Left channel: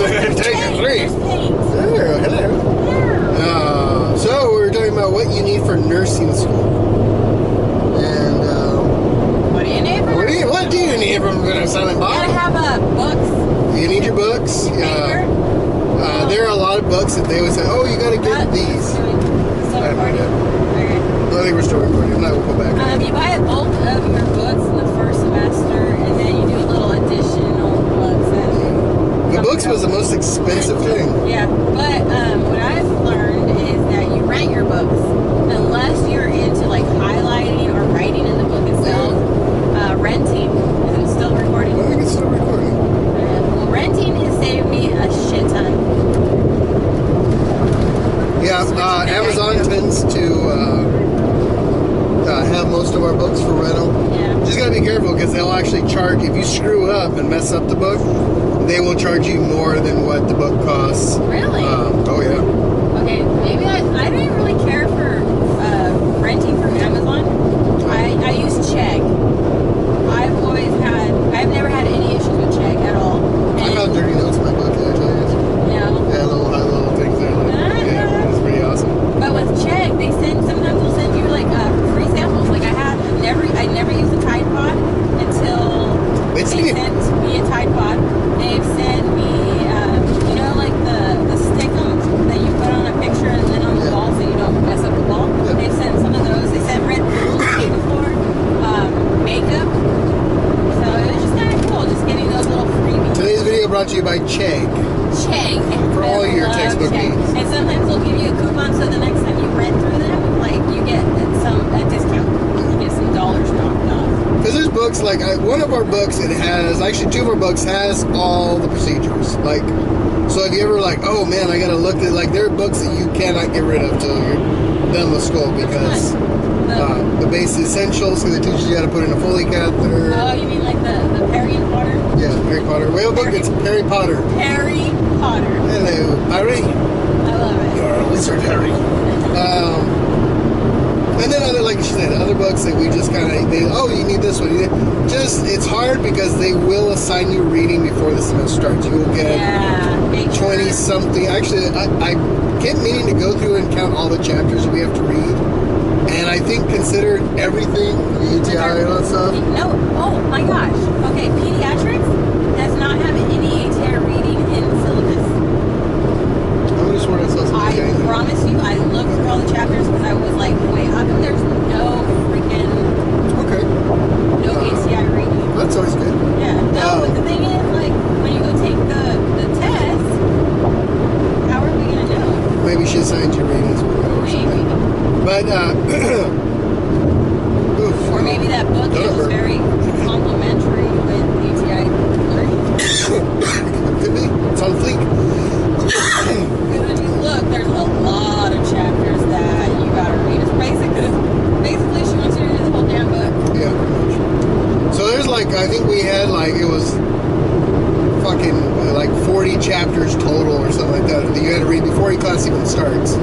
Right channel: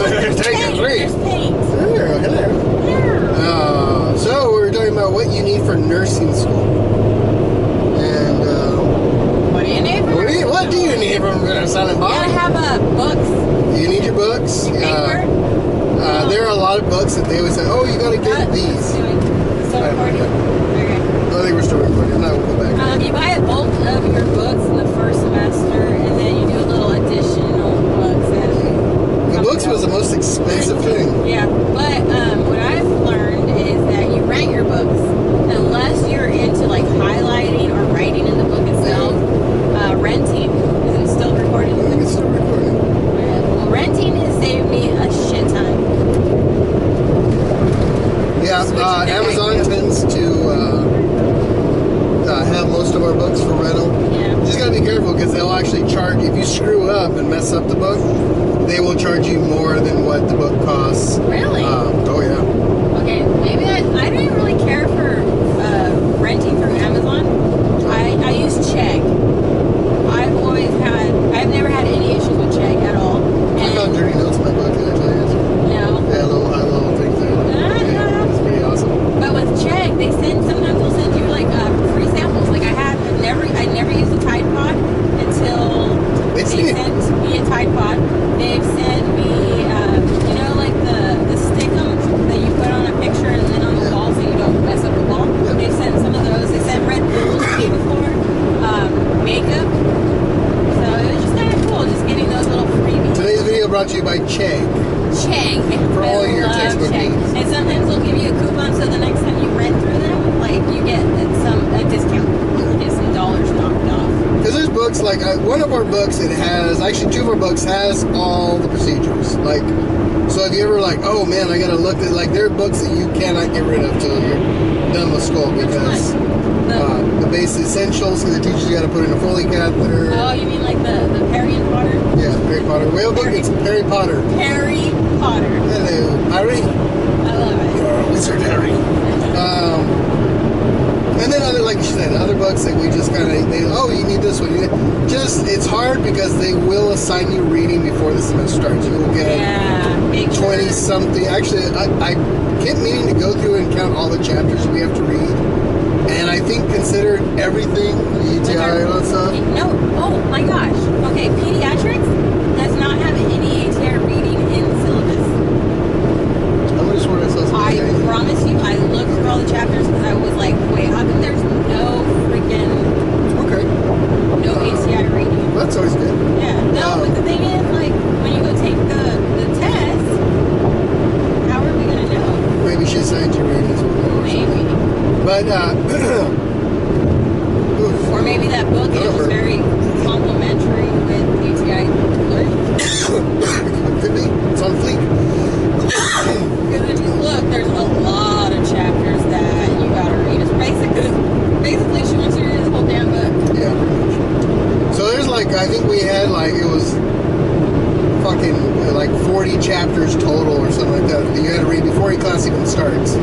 Taking 3. There's paint. Hello. Yeah. So we were talking about what you need for nursing school. And What do you need for what do you need from Silent Bob? You gotta have books. You need your books. Paper. There are a lot of books that they always say, oh, you gotta get these. Still recording? Okay. I think we're still recording. If not, we'll go back. You buy a bulk of your books in the first semester, and then you do a little additional books. The books was the most expensive thing. Yeah, but what I've learned is that you rent your books. Unless you're into like highlighting or writing in the book itself, renting, is it still recording? I think it's still recording. Well, renting has saved me a shit ton. Yeah, Amazon tends to have most of our books for rental. Yeah. Just gotta be careful because they'll actually charge, if you screw up and mess up the book, they will charge you more than what the book costs. Really? Oh yeah. Okay, maybe I didn't really care for renting through Amazon. I use Check. I've never had any issues with Check at all. And I found dirty notes in my book actually. no. Yeah, little things there. Yeah, it's pretty awesome. But with Check, sometimes they'll send you like free samples. Like I never used a Tide Pod until they sent me a Tide Pod. They've sent me, like the stickums that you put on a picture and then on the wall so you don't mess up the wall. Yeah. They've sent some of those. They sent Red Bulls to me before, makeup. So it was just kind of cool, just getting those little freebies. Today's video brought to you by Check. Check. For all your textbook Check. needs. And sometimes they'll give you a coupon so the next time you rent through them, like you get a discount. You get some dollars knocked off. Because there's books, like one of our books, it has, actually 2 of our books has all the procedures. Like, so if you ever like, oh man, I gotta look at, like there are books that you cannot get rid of till you're done with school because the basic essentials, because it teaches you how to put in a Foley catheter. Oh, you mean like the Harry and Potter? Yeah, Harry Potter. Whale book, it's Harry Potter. Harry Potter. Hello, Harry. I love it. You're a wizard, Harry. And then other, like she said, other books that we just kind of, you need this one. It's hard because they will assign you reading before the semester starts. You will get 20-something. Actually, I kept meaning to go through and count all the chapters we have to read. And I think considered everything, the ETI and all that stuff. No, oh my gosh. Okay, pediatrics does not have any ATI reading in the syllabus. I would have sworn I saw something. I promise you, I looked through all the chapters because I was like, wait, how come there's no freaking ATI reading? Well, that's always good. Yeah. No, but the thing is, like, when you go take the test, how are we going to know? Maybe she assigned you readings with it or something. But, or maybe that book is very complimentary with ATI learning. Could be. It's on fleek. Because if you look, there's a lot of chapters that you gotta read. It's basically she wants you to read the whole damn book. Yeah. So there's like, I think we had like, it was fucking like 40 chapters total or something like that you had to read before your class even starts.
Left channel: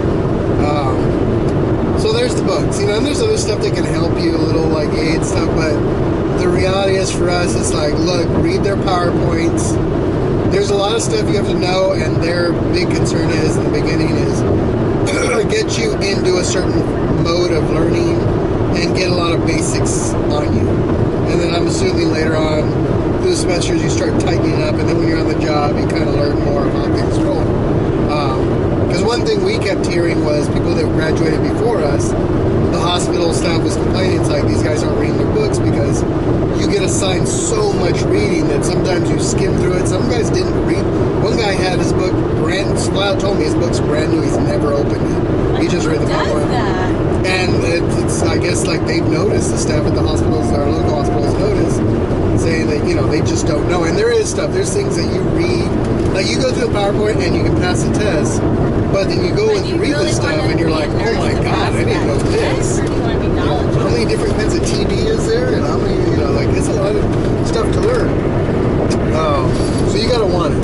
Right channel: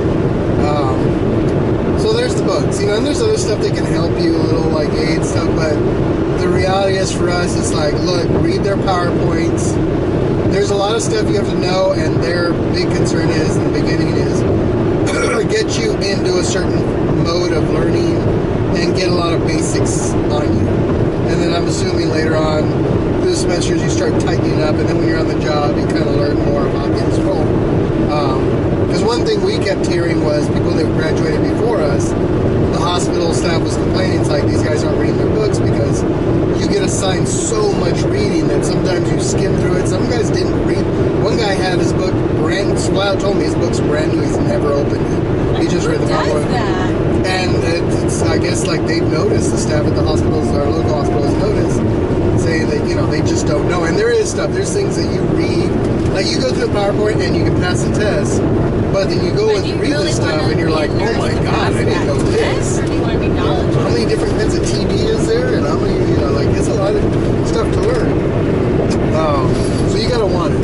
So there's the books, and there's other stuff that can help you, a little like aid stuff, but the reality is for us, it's like, look, read their PowerPoints. There's a lot of stuff you have to know, and their big concern is, in the beginning, is get you into a certain mode of learning and get a lot of basics on you. And then I'm assuming later on through the semesters you start tightening up, and then when you're on the job you kind of learn more of how things roll. Because one thing we kept hearing was people that graduated before us, the hospital staff was complaining, it's like these guys aren't reading their books because you get assigned so much reading that sometimes you skim through it. Some guys didn't read. One guy had his book flat out told me his book's brand new, he's never opened it. He just read the PowerPoint. And it's, I guess, like they've noticed, the staff at the hospitals, our local hospitals noticed, saying that, they just don't know. And there is stuff, there's things that you read, like you go through the PowerPoint and you can pass the test, but then you go and read this stuff and you're like, oh my god, I didn't know this. How many different kinds of TB is there? And how many, like, it's a lot of stuff to learn. So you gotta want it.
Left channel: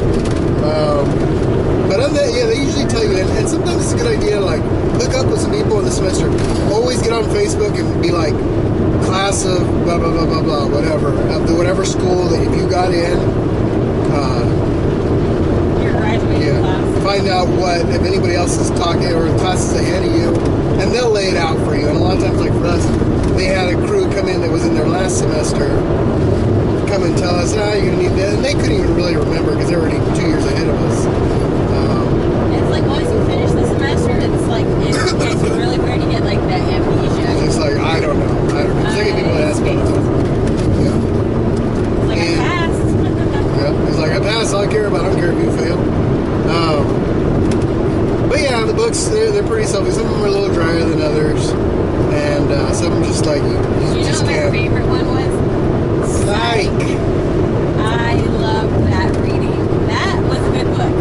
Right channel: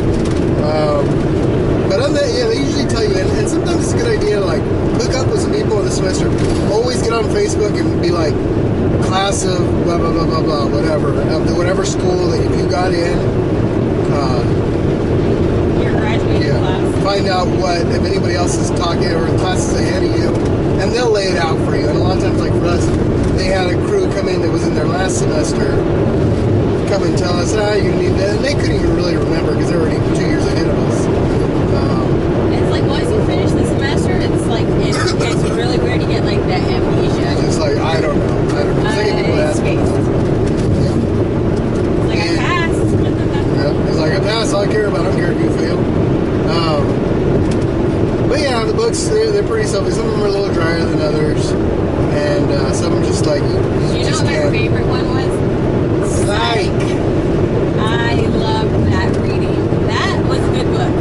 But other than that, yeah, they usually tell you, and sometimes it's a good idea to, like, hook up with some people in the semester. Always get on Facebook and be like, class of blah, blah, blah, blah, blah, whatever. Of the whatever school that if you got in, You're right. find out if anybody else is talking or in classes ahead of you, and they'll lay it out for you. And a lot of times, like for us, they had a crew come in that was in their last semester, come and tell us, you're going to need that. And they couldn't even really remember because they're already 2 years ahead of us. It's like once you finish the semester, it's like, it gets really weird to get like that amnesia. It's like, I don't know. It's like people ask me. Yeah. It's like, I passed. Yeah, it's like, I passed, all I care about. I don't care if you fail. But yeah, the books, they're pretty selfie. Some of them are a little drier than others. And some of them just like, you know just what my can't. favorite one was? Psych. I loved that reading. That was a good book.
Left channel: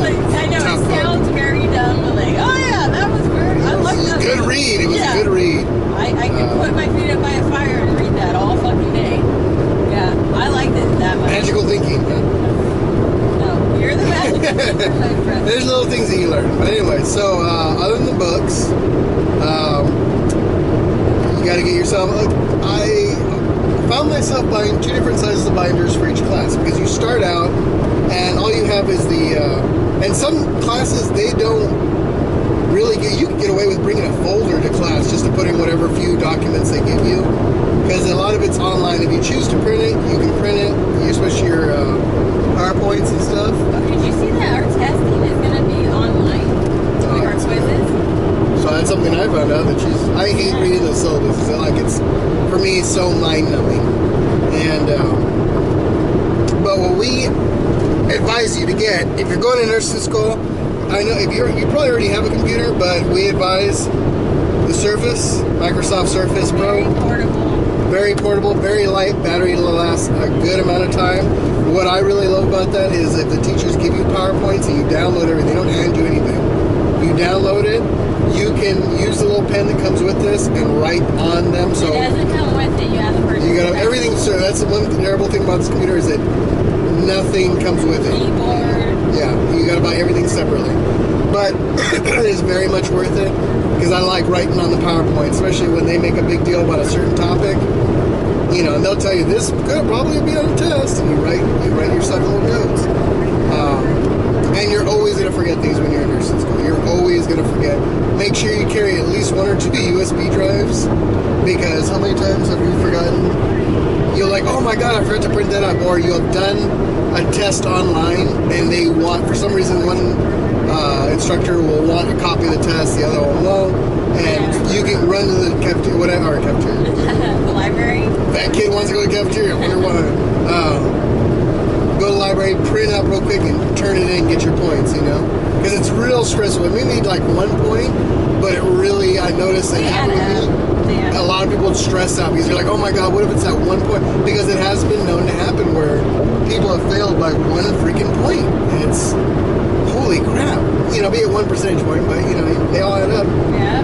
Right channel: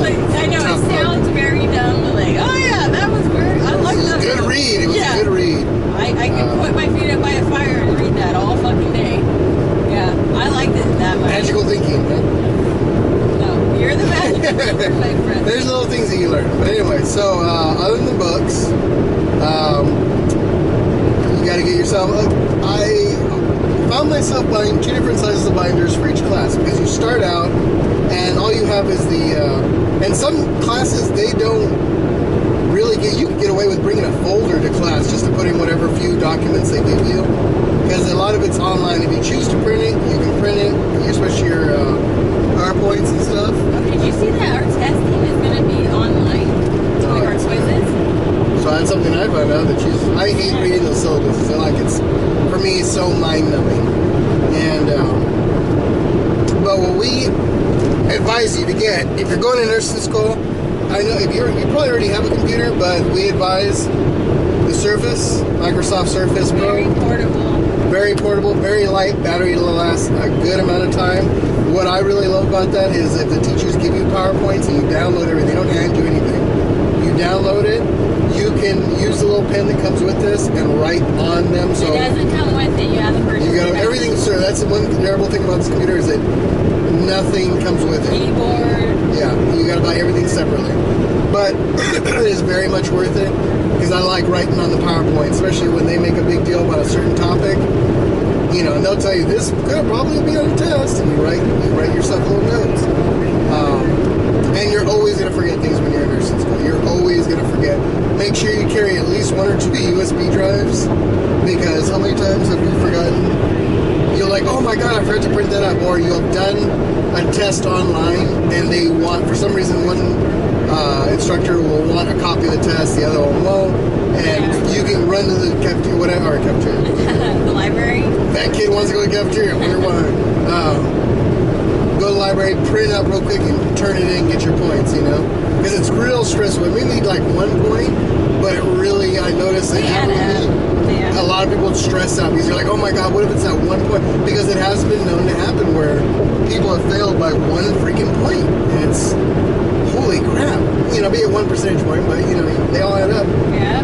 Like, I know it sounds very dumb, but like, oh yeah, that was very, I liked that. It was a good read. It was a good read. I could put my feet up by a fire and read that all fucking day. Yeah, I liked it that much. Magical thinking, huh? No, you're the magical thinker, my friend. There's little things that you learn. But anyway, so other than the books, you got to get yourself. I found myself buying 2 different sizes of binders for each class because you start out and all you have is the. And some classes they don't really get. You can get away with bringing a folder to class just to put in whatever few documents they give you because a lot of it's online. If you choose to print it, you can print it, especially your PowerPoints and stuff. Oh, did you see that our testing is going to be online? Like our quizzes? So that's something I found out that I hate reading those syllabuses. It's for me so mind numbing. And but what we advise you to get if you're going to nursing school, I know you probably already have a computer, but we advise the Surface, Microsoft Surface Pro. Very portable, very light. Battery will last a good amount of time. What I really love about that is if the teachers give you PowerPoints and you download everything, they don't hand you anything. You download it. You can use the little pen that comes with this and write on them. So it doesn't come with it. You have the purchase. You got everything, sir. That's the one terrible thing about this computer is that nothing comes with it. Keyboard. Yeah, you got to buy everything separately. But it is very much worth it because I like writing on the PowerPoint, especially when they make a big deal about a certain topic. You know, and they'll tell you this could probably be on a test, and you write yourself little notes. And you're always going to forget things when you're in nursing school. You're always going to forget. Make sure you carry at least 1 or 2 USB drives, because how many times have you forgotten? You're like, oh my god, I forgot to print that up. Or you have done a test online, and they want, for some reason, one instructor will want a copy of the test, the other one won't. And you can run to the cafeteria, whatever, cafeteria. The library? That kid wants to go to the cafeteria. I wonder why. Go to the library, print up real quick, and turn it in, get your points, you know? Because it's real stressful. It may need like 1 point, but it really, I noticed that happened to me. A lot of people stress out because they're like, oh my god, what if it's at 1 point? Because it has been known to happen where people have failed by 1 freaking point. And it's, holy crap. You know, be it 1 percentage point, but you know, they all add up. Yeah.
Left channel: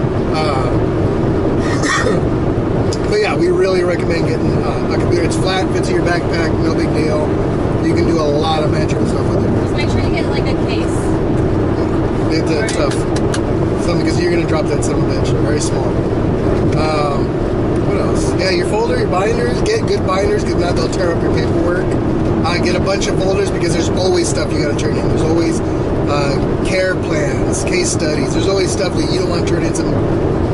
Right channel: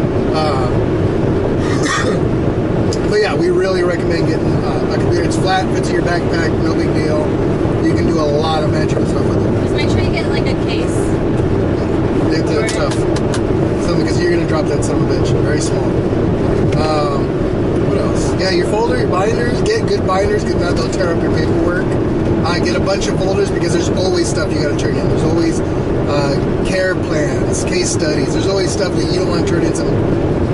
But yeah, we really recommend getting a computer. It's flat, fits in your backpack, no big deal. You can do a lot of magical stuff with it. Just make sure you get like a case. It's tough. Something because you're gonna drop that son of a bitch. Very small. What else? Yeah, your folder, your binders. Get good binders because now they'll tear up your paperwork. Get a bunch of folders because there's always stuff you got to turn in. There's always care plans, case studies. There's always stuff that you don't want to turn in some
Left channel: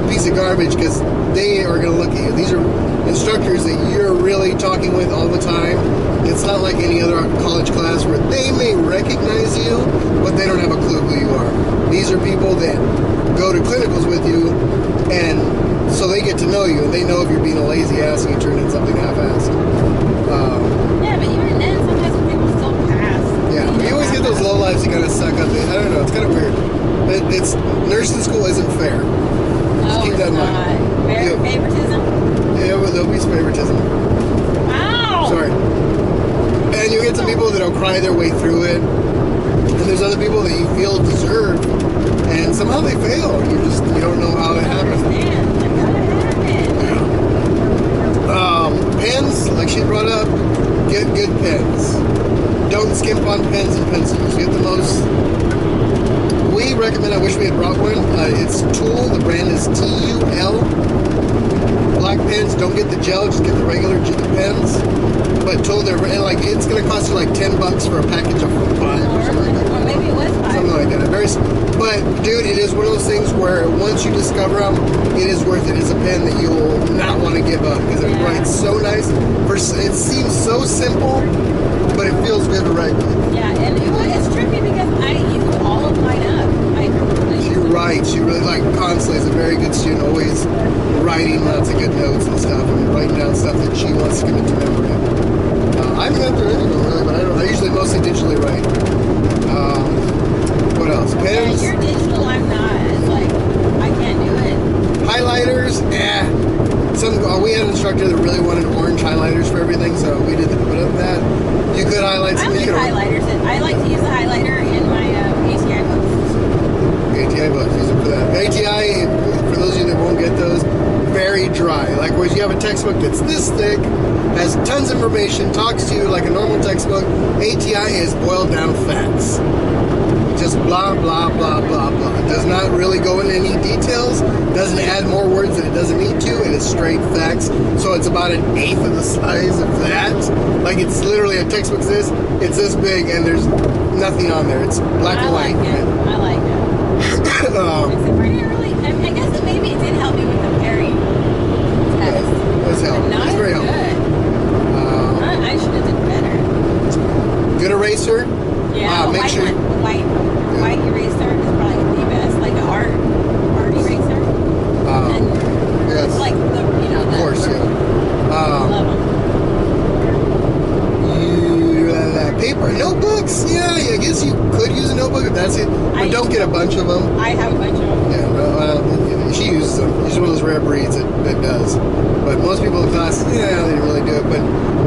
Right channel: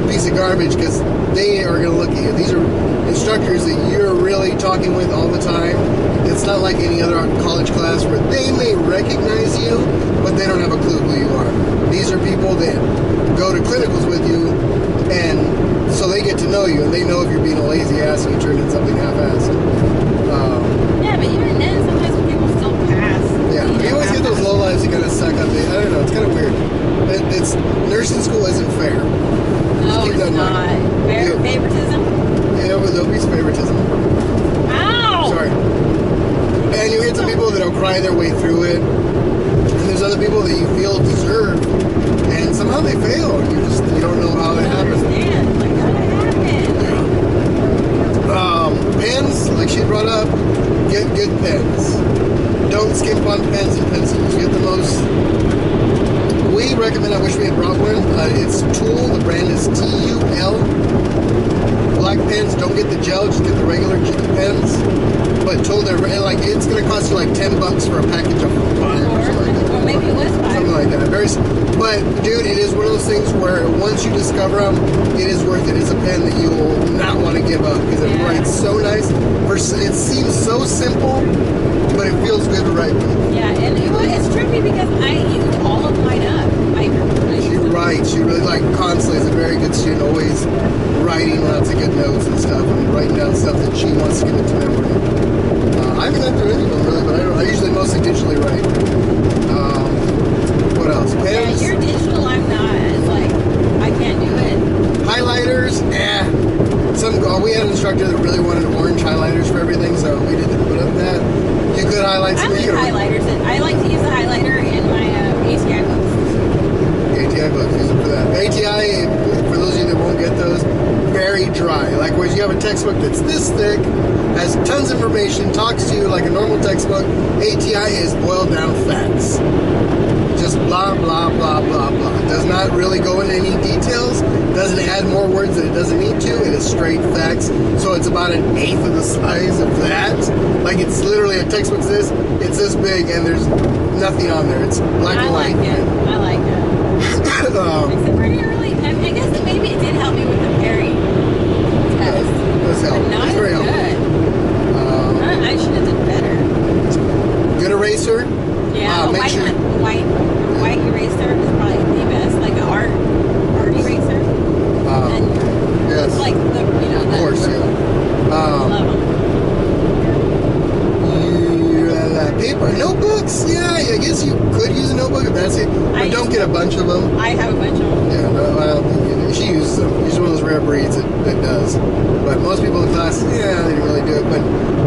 piece of garbage because they are going to look at you. These are instructors that you're really talking with all the time. It's not like any other college class where they may recognize you, but they don't have a clue who you are. These are people that go to clinicals with you, and so they get to know you, and they know if you're being a lazy ass and you turn in something half-assed. Yeah, but even then, sometimes people still pass. Yeah, but you always get those low lives that kind of suck up. I don't know, it's kind of weird. It's nursing school isn't fair. No, it's not. Favoritism? Yeah, well, there'll be some favoritism. Ow! Sorry. And you get some people that'll cry their way through it, and there's other people that you feel deserve, and somehow they fail, and you don't know how it happened. Like, what happened? Pens, like she brought up, get good pens. Don't skimp on pens and pencils. Get the most. We recommend, I wish we had brought one. It's Tool, the brand is TUL. black pens. Don't get the gel, just get the regular pens. But told her, like, it's going to cost you like $10 for a package of 5 or something like that. Or maybe it was 5. Something like that. But, dude, it is one of those things where once you discover them, it is worth it. It's a pen that you will not want to give up because it writes so nice. It seems so simple, but it feels good to write with. Yeah, and it's tricky because I used all of mine up. She writes. She really, like, constantly is a very good student, always writing lots of good notes and stuff, and writing down stuff that she wants to commit to memory. I haven't gone through any of them, really, but I usually mostly digitally write. What else? Pens? Yeah, you're digital, I'm not. It's like, I can't do it. Highlighters? We had an instructor that really wanted orange highlighters for everything, so we didn't put up that. You could highlight I something. like highlighters. I like to use the highlighter in my ATI books. ATI books, use it for that. ATI, for those of you that won't get those, very dry. Like, whereas you have a textbook that's this thick, has tons of information, talks to you like a normal textbook, ATI is boiled down facts. Just blah, blah, blah, blah, blah. It does not really go into any details, doesn't add more words that it doesn't need to, it is straight facts. So it's about 1/8 of the size of that. Like, it's literally a textbook's this, it's this big, and there's nothing on there. It's black and white. I like it. Except for it really, I guess that maybe it did help me with the pairing test. It does help. Not It's very good. helpful. I should have done better. Good eraser. Yeah, make sure. A white eraser is probably the best, like an art eraser. And Yes. it's like the, Of course, yeah. love them. Paper notebooks. Yeah, I guess you could use a notebook if that's it, but don't get a bunch of them. I have a bunch of them. Yeah, she uses them. She's one of those rare breeds that does. But most people in class, they didn't really do it. But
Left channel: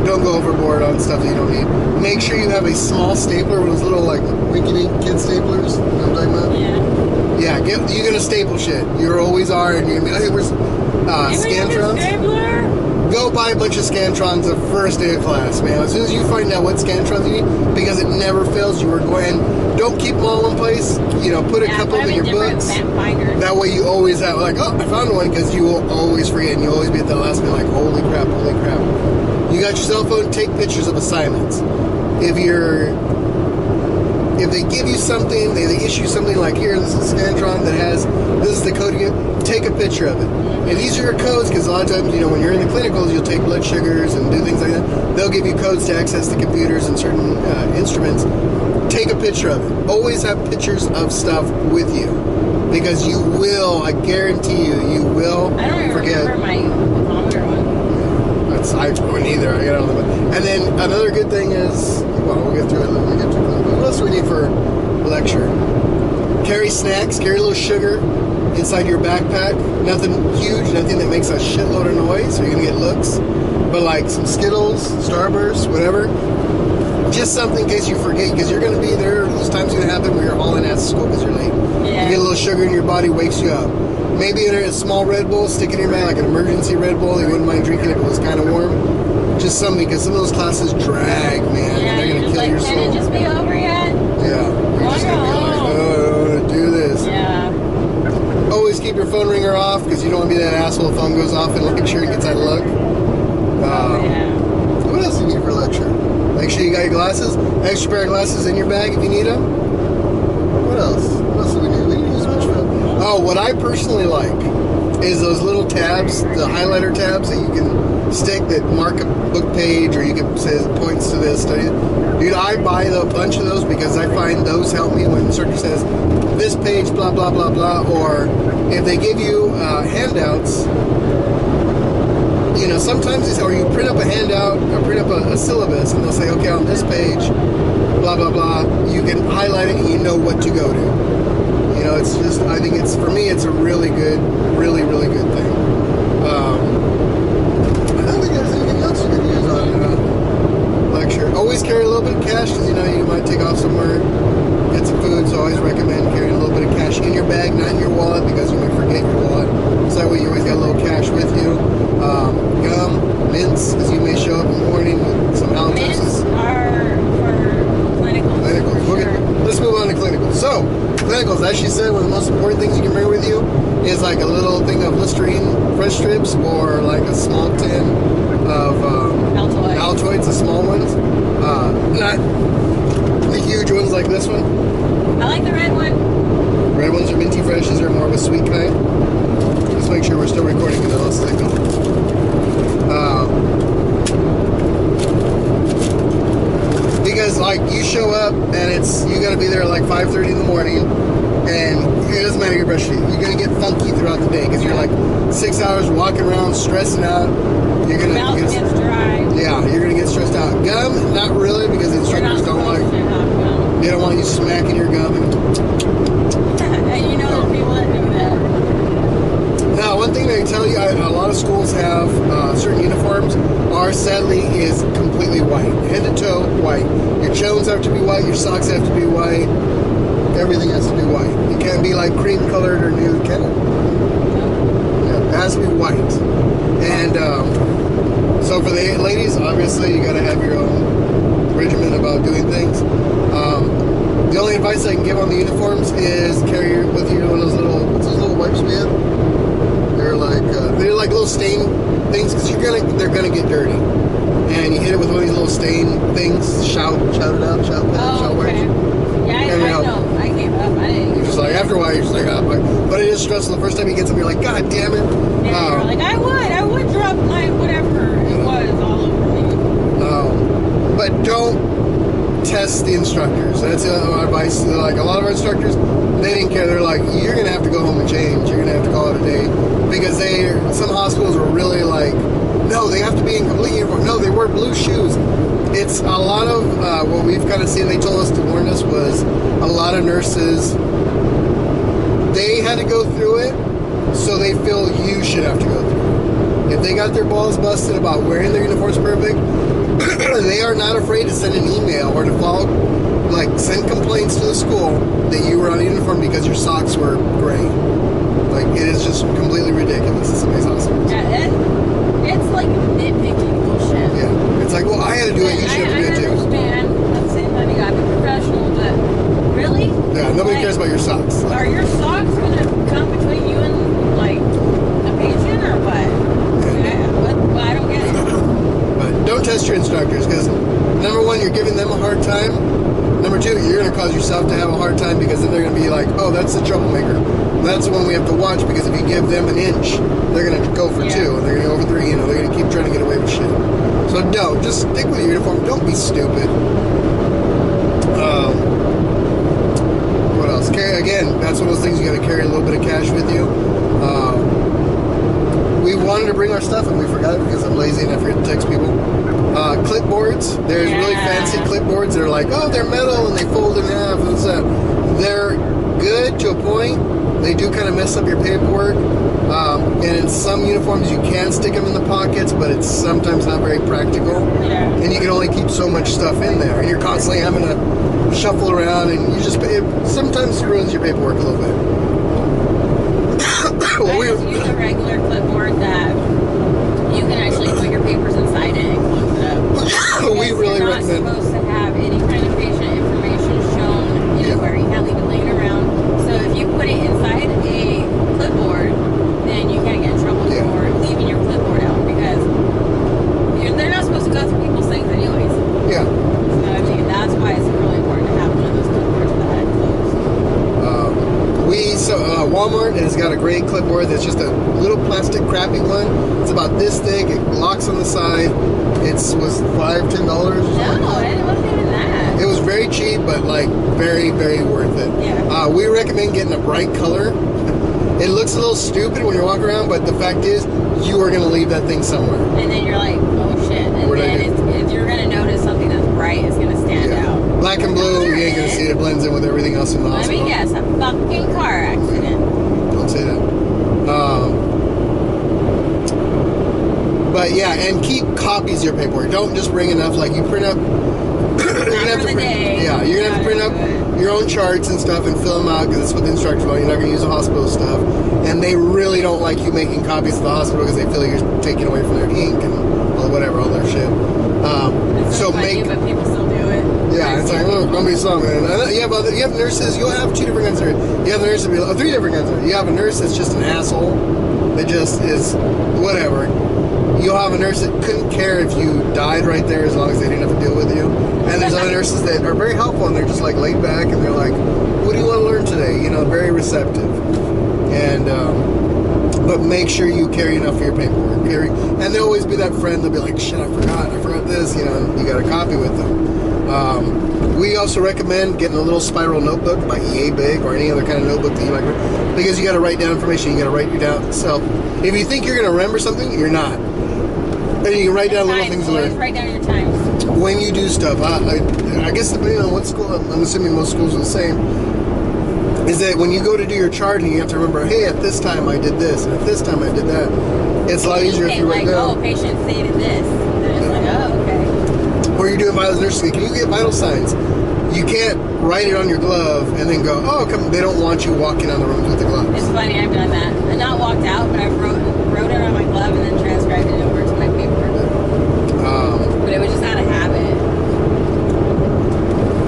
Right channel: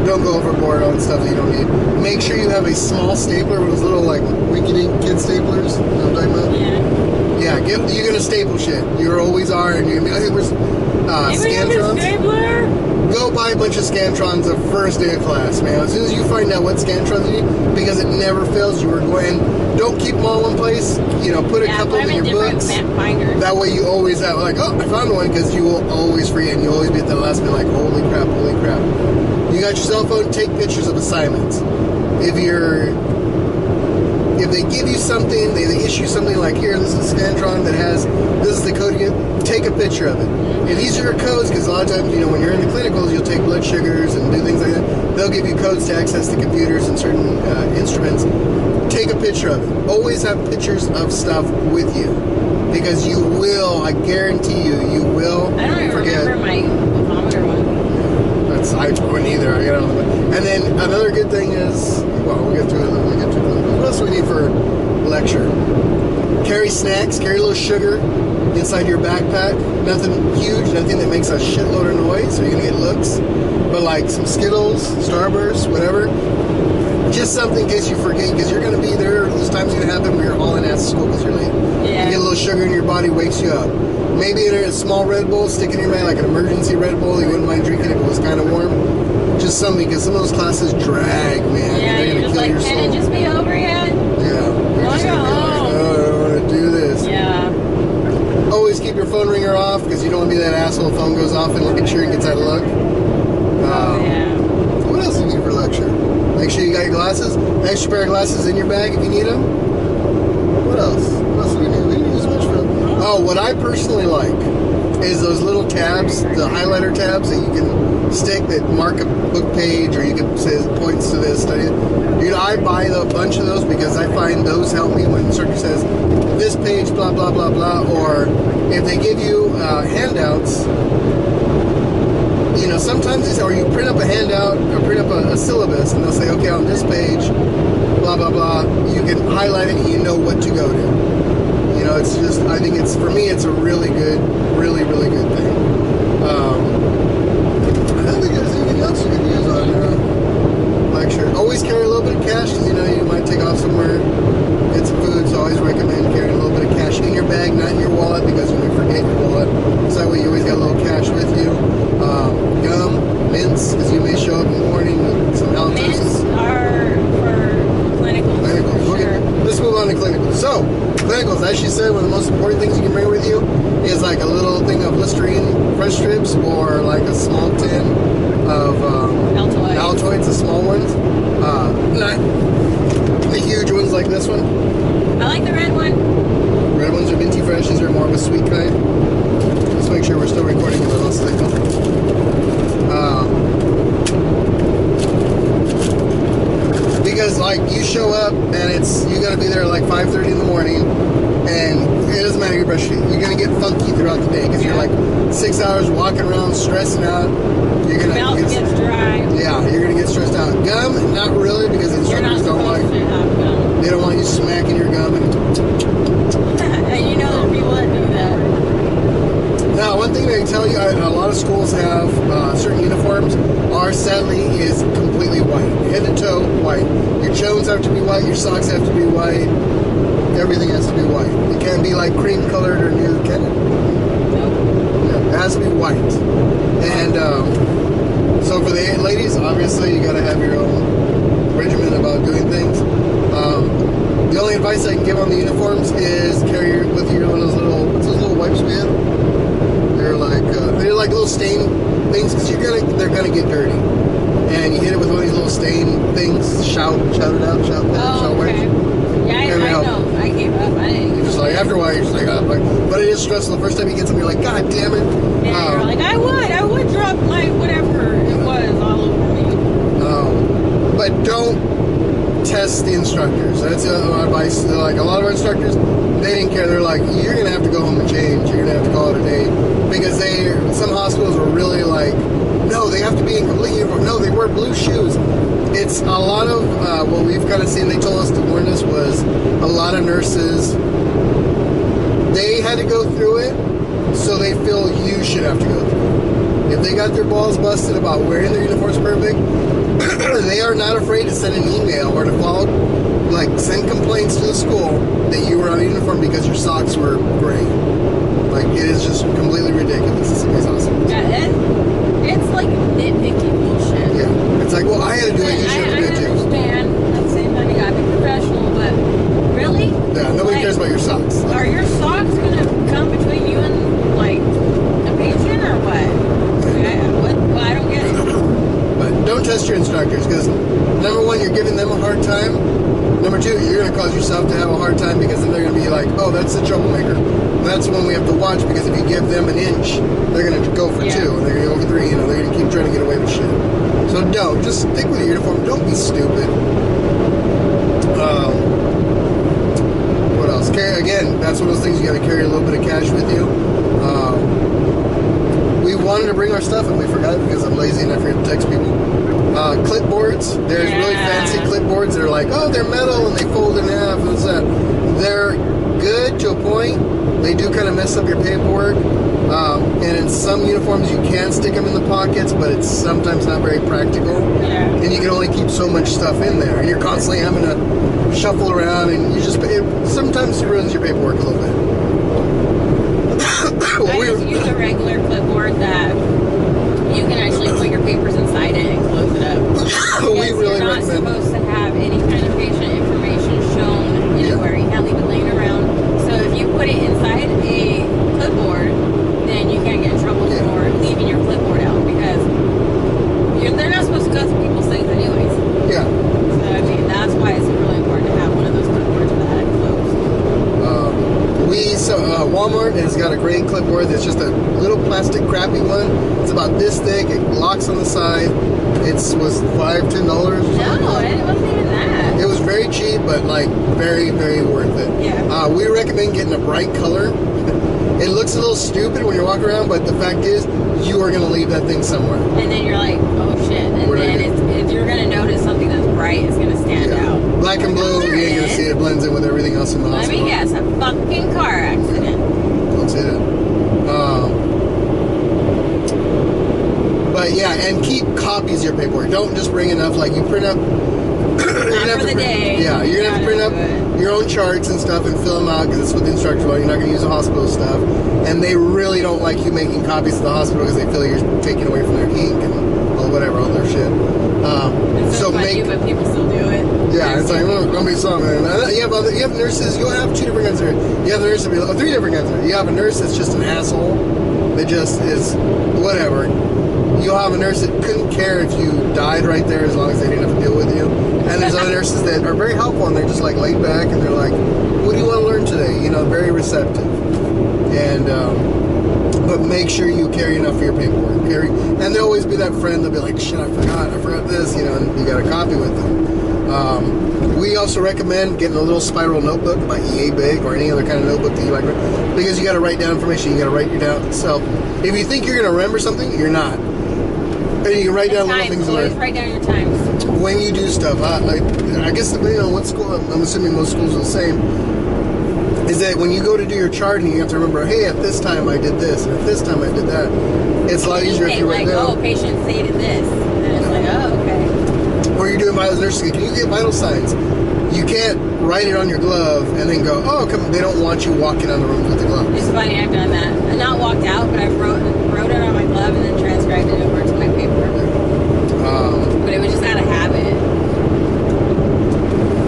don't go overboard on stuff that you don't need. Make sure you have a small stapler, one of those little like rinky-dink kid staplers. You know what I'm talking about? Yeah. Yeah, you're gonna staple shit. You always are, and you're gonna be, hey, where's Scantrons? Stapler? Go buy a bunch of Scantrons the first day of class, man. As soon as you find out what Scantrons you need, because it never fails, you are going. Don't keep them all in one place. Put a couple in your books. Binders. That way, you always have like, oh, I found one, because you will always forget, and you always be at the last minute like, holy crap, holy crap. You got your cell phone. Take pictures of assignments. If they give you something, they issue something like, here, this is a Scantron that has, this is the code again, take a picture of it. And these are your codes, because a lot of times, when you're in the clinicals, you'll take blood sugars and do things like that. They'll give you codes to access the computers and certain instruments. Take a picture of it. Always have pictures of stuff with you, because you will, I guarantee you will I don't even forget. remember my thermometer one. I wouldn't either. I got on the. And then another good thing is, well, we'll get to it. What else do we need for lecture? Carry snacks. Carry a little sugar inside your backpack. Nothing huge. Nothing that makes a shitload of noise, so you're gonna get looks. But like some Skittles, Starburst, whatever. Just something in case you forget, because you're gonna be there. There's times gonna happen where you're hauling ass to school because you're late. Yeah. You get a little sugar in your body, wakes you up. Maybe in a small Red Bull, stick in your bag, like an emergency Red Bull. You wouldn't mind drinking if it was kind of warm. Just something, because some of those classes drag, man. Yeah, They're you're going to just kill like, your soul. can it just be over yet? Yeah. You're just going to be like, oh, I don't want to do this. Yeah. Always keep your phone ringer off, because you don't want to be that asshole. Phone goes off in lecture and gets out of luck. Yeah. What else do you need for lecture? Make sure you got your glasses. Extra pair of glasses in your bag if you need them. What else? What else do we need? We need as much film. Oh, what I personally like is those little tabs, the highlighter tabs that you can stick that mark a book page, or you can say it points to this study. Dude, I buy a bunch of those because I find those help me when the instructor says this page, blah, blah, blah, blah, or if they give you handouts, sometimes or you print up a handout or print up a syllabus, and they'll say, okay, on this page, blah, blah, blah, you can highlight it and you know what to go to. It's just, I think for me, it's a really good, really, really good thing. I don't think there's anything else you can use on lecture. Always carry a little bit of cash, because you might take off somewhere, get some food, so I always recommend carrying a little bit of cash in your bag, not in your wallet, because you may forget your wallet. So that way you always got a little cash with you. Gum, mints, because you may show up in the morning with some halitosis. Mints are for clinicals. Clinicals. For sure. Let's move on to clinicals. So, clinicals, as she said, one of the most important things you can bring with you is like a little thing of Listerine fresh strips or like a small tin of Altoids, the small ones. Not the huge ones like this one. I like the red one. Red ones are minty fresh. These are more of a sweet kind. Let's make sure we're still recording in the last second. Because like you show up and you got to be there at like 5:30 in the morning, and it doesn't matter your brush teeth. You're gonna get funky throughout the day because you're like 6 hours walking around stressing out. You're gonna mouth gets dry. Yeah, you're gonna get stressed out. Gum, not really, because the instructors don't like. They don't want you smacking your gum. And you know there's people that do that. Now, one thing they tell you, a lot of schools have certain uniforms. Ours, sadly, is completely white, head to toe white. Your Jones have to be white. Your socks have to be white. Everything has to be white. It can't be like cream colored or nude, can it? No. Yeah, it has to be white. And so for the ladies, obviously, you got to have your own regimen about doing things. The only advice I can give on the uniforms is carry with you one of those little, what's those little wipes we have? They're like little stain things, because they're gonna get dirty. And you hit it with one of these little stain things, shout it out, shout wipes. Yeah, I know. I gave up. I didn't. You're just like, after a while, you're just like, oh, but it is stressful. The first time you get something, you're like, God damn it. Yeah, you're like, I would drop my whatever it was all over me. But don't test the instructors. That's my advice. Like a lot of our instructors, they didn't care. They're like, you're gonna have to go home and change. You're gonna have to call it a day, because some hospitals were really like, no, they have to be in complete uniform. No, they wear blue shoes. It's a lot of what we've kind of seen. They told us to warn us was a lot of nurses. They had to go through it, so they feel you should have to go through it. If they got their balls busted about wearing their uniforms perfect, they are not afraid to send an email or to send complaints to the school that you were on a uniform because your socks were gray. Like, it is just completely ridiculous. It's somebody's awesome. Yeah, it's like nitpicky bullshit. Yeah, it's like, well, I had to do it. You should have to do it too. I understand. At the same time, you gotta be professional, but really? Yeah, nobody cares about your socks. Are your socks gonna come between you and like a patient or what? Well, I don't get it. But don't test your instructors, because number one, you're giving them a hard time. Number two, you're going to cause yourself to have a hard time, because then they're going to be like, oh, that's the troublemaker. That's the one we have to watch, because if you give them an inch, they're going to go for 2, and they're going to go for 3. They're going to keep trying to get away with shit. So don't. Just stick with your uniform. Don't be stupid. What else? Again, that's one of those things you got to carry a little bit of cash with you. We wanted to bring our stuff and we forgot because I'm lazy and I forget to text people. Clipboards. There's really fancy clipboards that are like, oh, they're metal and they fold in half and stuff. They're good to a point. They do kind of mess up your paperwork. And in some uniforms you can stick them in the pockets, but it's sometimes not very practical. Yeah. And you can only keep so much stuff in there. And you're constantly having to shuffle around, and sometimes it ruins your paperwork a little bit. I just use a regular clipboard that you can actually put your papers inside it and close it up. We really you're recommend. not supposed to have any kind of patient information shown anywhere. You can't leave it laying around. So if you put it inside a clipboard, then you can't get in trouble for leaving your clipboard out, because they're not supposed to go through people's things anyways. Yeah. So I mean, that's why it's really important to have one of those clipboards that closed. Walmart has got a great clipboard that's just a little plastic crappy one. It's about this thick. It locks on the side. It was $5-10 or something. No, it wasn't even that. It was very cheap, but like very, very worth it. Yeah. We recommend getting a bright color. It looks a little stupid when you're walking around, but the fact is, you are going to leave that thing somewhere. And then you're like, oh shit. And then you're going to notice something that's bright is going to stand out. Black and blue, you ain't going to see it. It blends in with everything else in the hospital. Let me guess, a fucking car accident. Don't say that. But yeah, and keep copies of your paperwork. Don't just bring enough. Like, you print up. You're gonna have to print up your own charts and stuff and fill them out, because that's what the instructors want. You're not gonna use the hospital stuff, and they really don't like you making copies of the hospital because they feel you're taking away from their ink and all their shit. So but people still do it. Yeah, it's like, gonna be something. And you have nurses, you'll have 2 different kinds of nurses. You have a nurse, 3 different kinds of nurses. You have a nurse that's just an asshole, that just is whatever. You'll have a nurse that couldn't care if you died right there as long as they didn't have to deal with you. And there's other nurses that are very helpful and they're just like laid back and they're like, what do you want to learn today? You know, very receptive. And, but make sure you carry enough for your paperwork. And there'll always be that friend that'll be like, shit, I forgot this, you know, and you got a copy with them. We also recommend getting a little spiral notebook by EA Big or any other kind of notebook that you like, because you got to write down information, you got to write it down. So if you think you're going to remember something, you're not. And you can write down little things. Always write down your times. When you do stuff, I guess depending on what school, I'm assuming most schools are the same, is that when you go to do your charting, you have to remember, hey, at this time I did this, and at this time I did that. It's a lot easier if you write down. Oh, patient stated this. And it's like, oh, okay. Or you're doing vitals nursing. Can you get vital signs? You can't write it on your glove and then go, oh, come. They don't want you walking on the room with the gloves. It's funny, I've done that. I not walked out, but I wrote it on my glove and then transcribed it over to my paper. But it was just out of habit.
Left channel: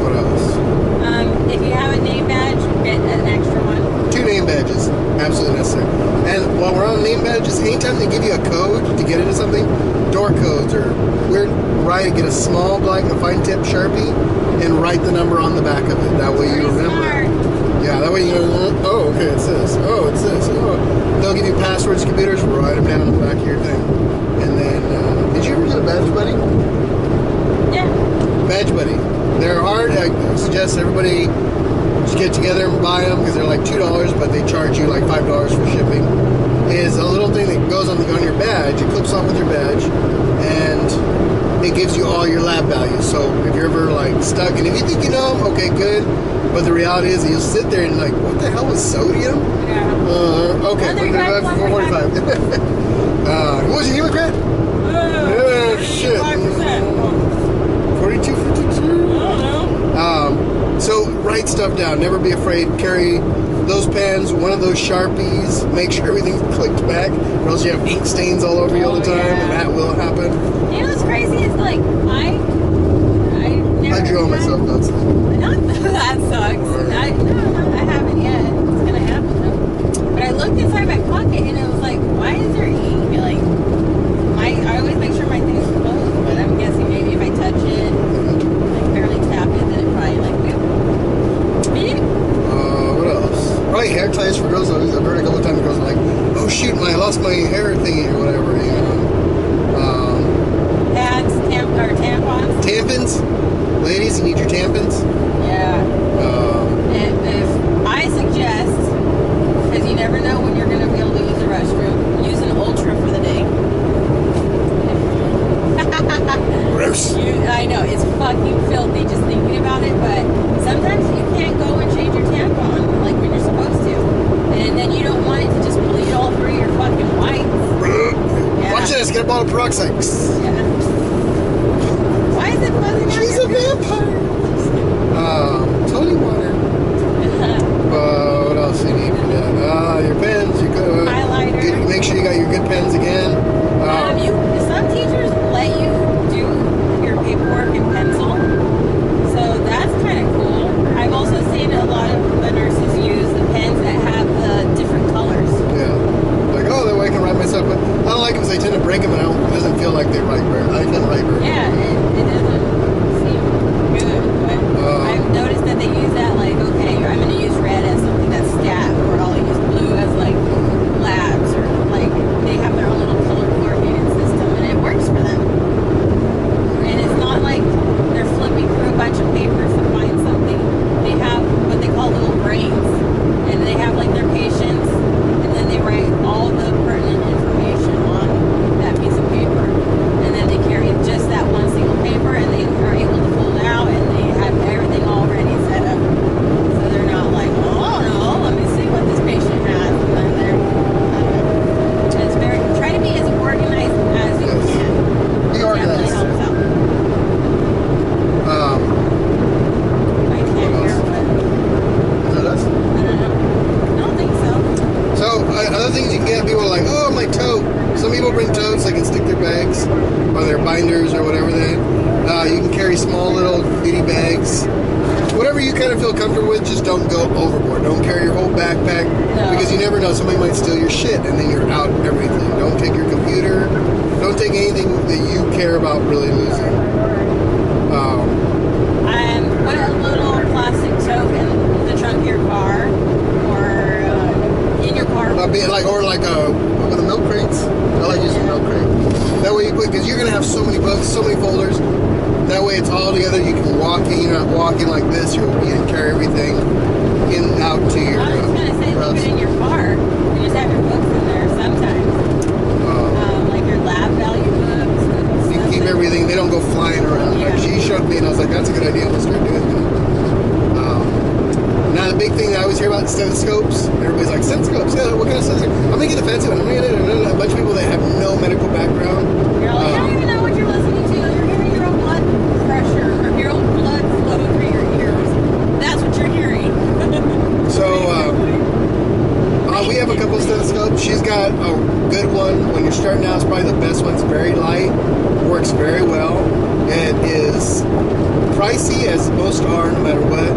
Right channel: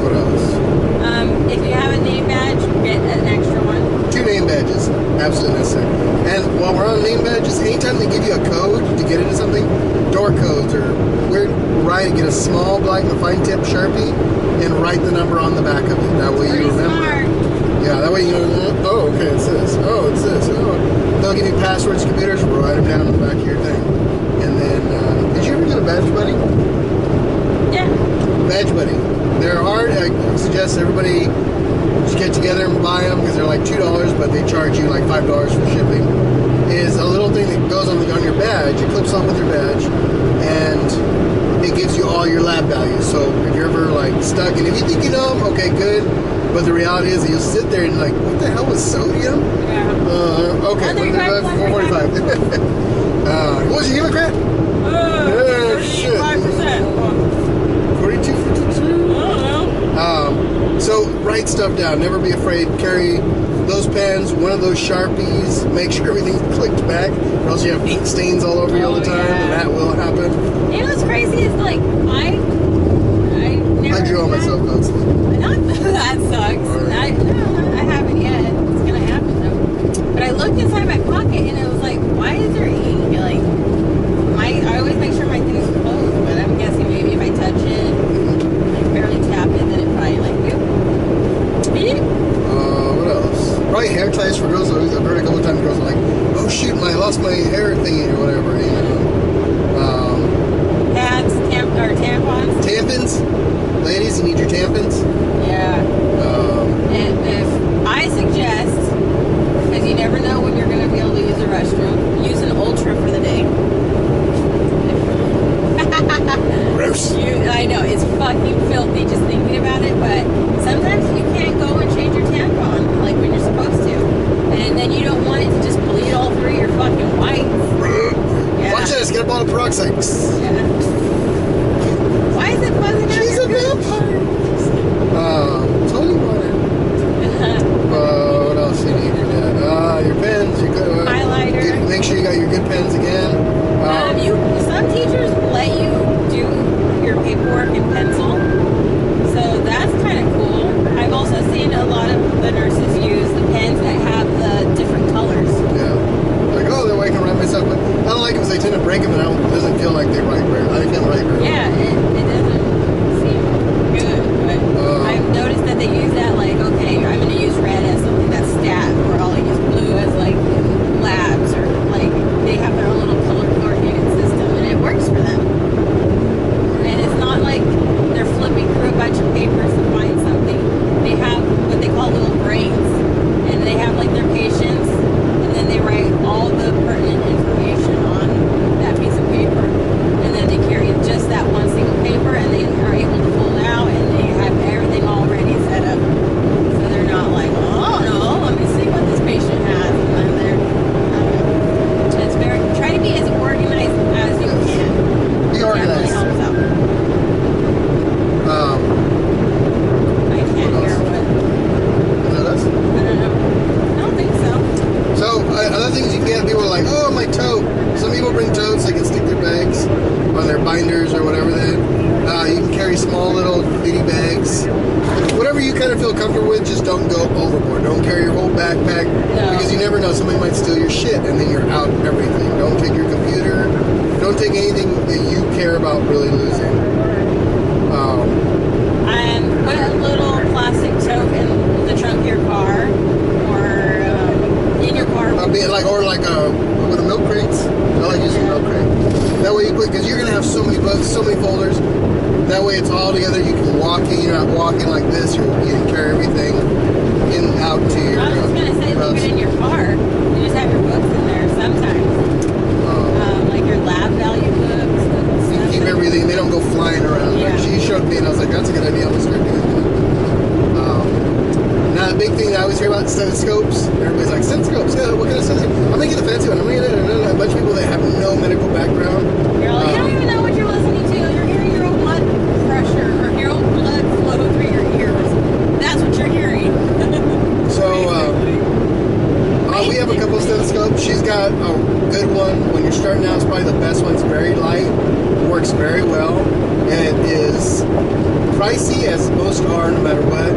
What else? If you have a name badge, get an extra one. 2 name badges, absolutely necessary. And while we're on name badges, anytime they give you a code to get into something, door codes or get a small black fine tip Sharpie and write the number on the back of it. That way you remember. Smart. Yeah, that way you know, oh, okay, it's this. Oh, it's this. Oh. They'll give you passwords, computers, write them down on the back of your thing. And then, did you ever get a badge buddy? Yeah. Badge buddy. They're hard. I suggest everybody just get together and buy them because they're like $2, but they charge you like $5 for shipping. Is a little thing that goes on your badge. It clips on with your badge, and it gives you all your lab values. So if you're ever like stuck, and if you think you know them, okay, good. But the reality is that you'll sit there and like, what the hell is sodium? Yeah. Okay, 445. What was your Democrat? Oh, shit. 5%. 42, 52. I don't know. So write stuff down. Never be afraid. Carry those pens, one of those Sharpies. Make sure everything's clicked back, or else you have ink stains all over you all the time, and that will happen. You know what's crazy is like I drew on myself. That's that sucks. I haven't yet. It's gonna happen though. But I looked inside my pocket and it was like, why is there ink? Like, I always make sure my things are closed, but I'm guessing maybe if I touch it, like barely tap it, then it probably like beep. What else? Probably hair ties for girls. I've heard a couple of times girls are like, oh shoot, I lost my hair thingy or whatever. You know. Pads, or tampons. Tampons. Ladies, you need your tampons. Yeah. If I suggest, because you never know when you're going to be able to use the restroom, use an Ultra for the day. Gross. I know, it's fucking filthy just thinking about it, but sometimes you can't go and change your tampon like when you're supposed to. And then you don't want it to just bleed all through your fucking whites. Yeah. Watch this, get a bottle of peroxide. Yeah. Why is it buzzing out? She's a vampire. Tony water. What else do you need for that? Your pens. You go. Highlighter. Make sure you got your good pens again. Some teachers let you do your paperwork in pencil, so that's kind of cool. I've also seen a lot of the nurses use the pens that have the different colors. Yeah. Like, oh, that way I can write myself. But I don't like them because they tend to break them, and it doesn't feel like they write very. I can't write very. Yeah, it doesn't seem good, but I've noticed that they use that like, okay, I'm going to use red as something that's stat, or I'll use blue as like labs, or like they have their own little color coordinated system, and it works for them. And it's not like they're flipping through a bunch of papers to find something. They have what they call little brains, and they have like their patients, and then they write all the pertinent information on that piece of paper, and then they carry just that one single paper, and they small little bitty bags. Whatever you kind of feel comfortable with, just don't go overboard. Don't carry your whole backpack because you never know. Somebody might steal your shit and then you're out everything. Don't take your computer. Don't take anything that you care about really losing. And put a little plastic tote in the trunk of your car or in your car. With the milk crates. I like using milk crate. That way you put, because you're going to have so many books, so many folders. That way it's all together. You can walk in. You're not walking like this. You can carry everything in and out to your. I was going to say, leave it in your car. You just have your books in there sometimes. Like your lab value books. And you keep everything. They don't go flying around. Yeah. Like she showed me, and I was like, that's a good idea. I'm going to start doing that. Now, the big thing that I always hear about stethoscopes, everybody's like, stethoscopes, yeah, what kind of stethoscope? I'm going to get the fancy one. I'm going to get a bunch of people that have no medical background. You're like, you don't even know what you're listening to. You're hearing your own blood pressure or your own blood flow through your ears. That's what you're hearing. We have a couple of stethoscopes. She's got a good one. When you're starting out, it's probably the best one. It's very light. Works very well. It is pricey, as most are, no matter what.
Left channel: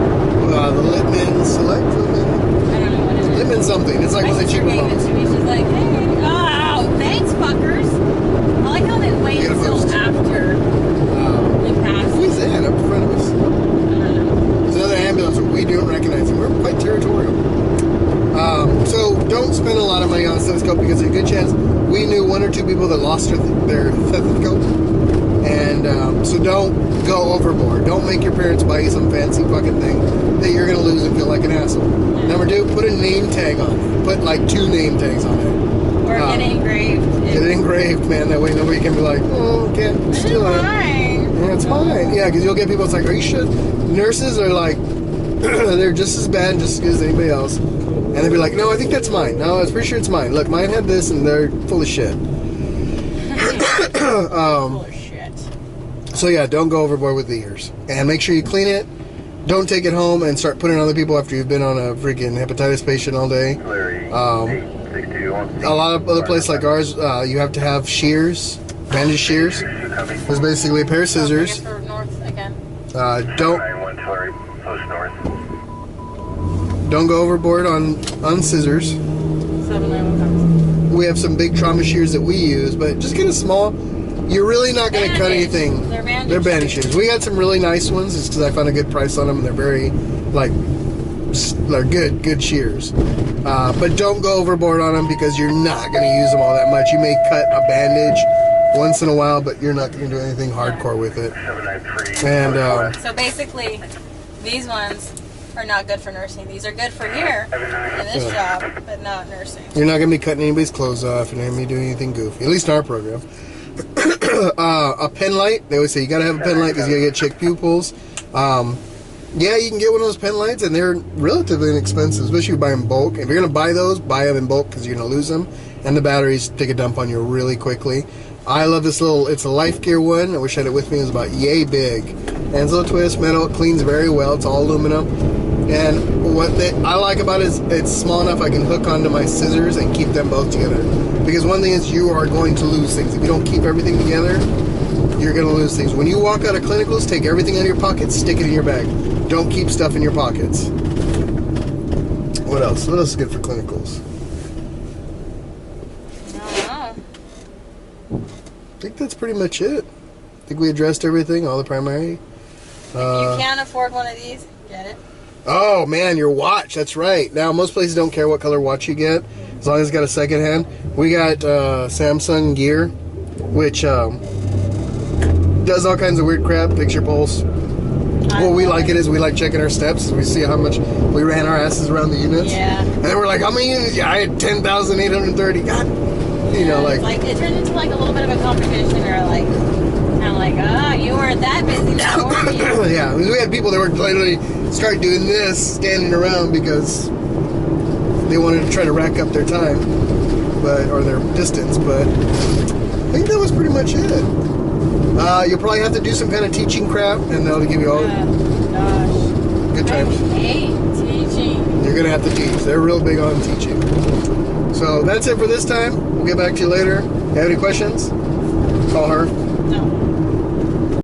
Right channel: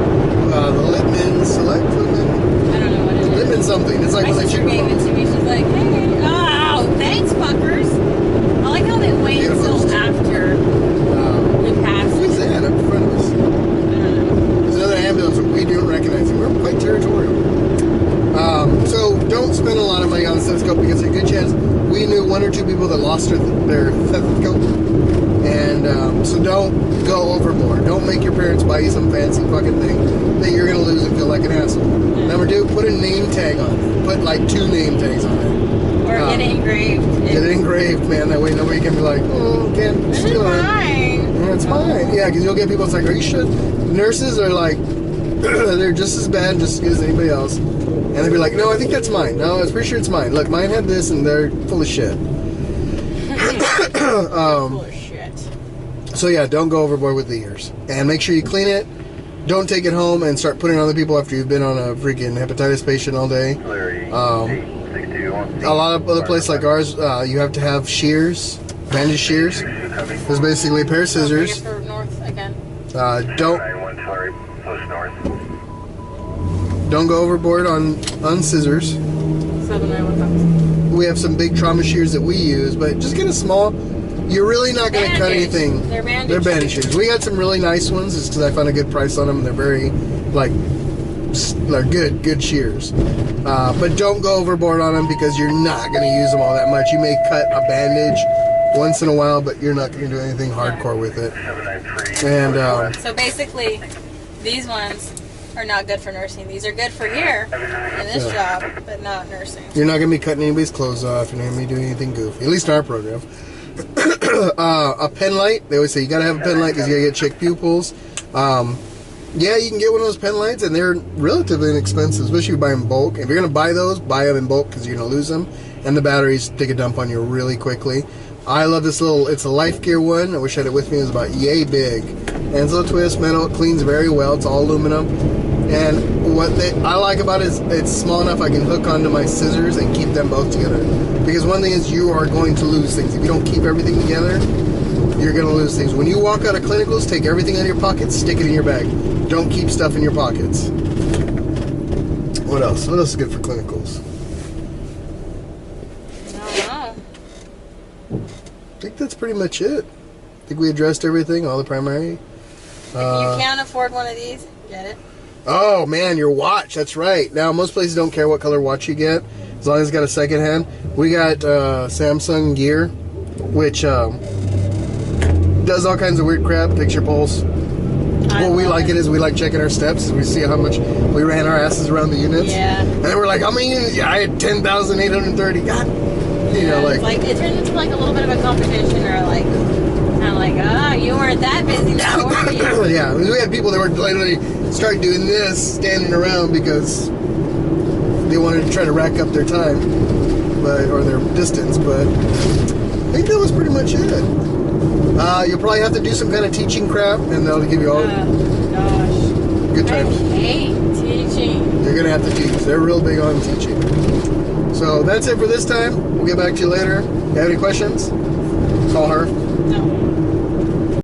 The Littman Select Littman. I don't know what it is. Littman something. It's like one of the cheaper My sister gave it to me. She's like, hey, oh, thanks, fuckers. I like how they wait until after we pass. Who's that up in front of us? I don't know. There's another ambulance that we don't recognize. We're quite territorial. So don't spend a lot of money on a stethoscope because there's a good chance we knew one or two people that lost their stethoscope. And so don't go overboard. Don't make your parents buy you some fancy fucking thing that you're going to lose and feel like an asshole. Yeah. Number 2, put a name tag on it. Put like 2 name tags on it. Or get it engraved. Get it engraved, man. That way nobody can be like, oh, can't steal it. Yeah, it's mine. Yeah, because you'll get people that's like, are you sure? Nurses are like, they're just as bad and just as good as anybody else. And they'll be like, no, I think that's mine. No, I was pretty sure it's mine. Look, mine had this and they're full of shit. Full of shit. So yeah, don't go overboard with the ears. And make sure you clean it. Don't take it home and start putting it on other people after you've been on a freaking hepatitis patient all day. A lot of other places like ours, you have to have shears, bandage shears. There's basically a pair of scissors. For north again. Don't go overboard on scissors. 791. We have some big trauma shears that we use, but just get a small. You're really not going to cut anything. They're bandage shears. We got some really nice ones just because I found a good price on them, and they're very, they're good shears. But don't go overboard on them because you're not going to use them all that much. You may cut a bandage once in a while, but you're not going to do anything hardcore with it. And so basically, these ones are not good for nursing. These are good for here in this job, but not nursing. You're not going to be cutting anybody's clothes off and maybe doing anything goofy, at least in our program. A pen light. They always say you got to have a pen light because you got to get checked pupils. Yeah, you can get one of those pen lights, and they're relatively inexpensive, especially if you buy them in bulk. If you're going to buy those, buy them in bulk because you're going to lose them, and the batteries take a dump on you really quickly. I love this little, it's a Life Gear one. I wish I had it with me. It was about yay big. And it's a little twist metal. It cleans very well. It's all aluminum. And what I like about it is it's small enough I can hook onto my scissors and keep them both together. Because one thing is you are going to lose things. If you don't keep everything together, you're going to lose things. When you walk out of clinicals, take everything out of your pockets, stick it in your bag. Don't keep stuff in your pockets. What else? What else is good for clinicals? I don't know. I think that's pretty much it. I think we addressed everything, all the primary. If you can't afford one of these, get it. Oh, man, your watch. That's right. Now, most places don't care what color watch you get, as long as it's got a second hand. We got Samsung Gear, which does all kinds of weird crap, takes your pulse. What we like it is we like checking our steps as we see how much we ran our asses around the units. Yeah. And then we're like, how many units? Yeah, I had 10,830. God. You know, like it turned into like a little bit of a competition, or like kind of like, oh, you weren't that busy now, were you? Yeah, we had people that were literally start doing this, standing around because they wanted to try to rack up their time, or their distance. But I think that was pretty much it. You'll probably have to do some kind of teaching crap, and they'll give you all gosh, good times. I hate teaching. You're gonna have to teach. They're real big on teaching. So that's it for this time. We'll get back to you later. If you have any questions, call her. No.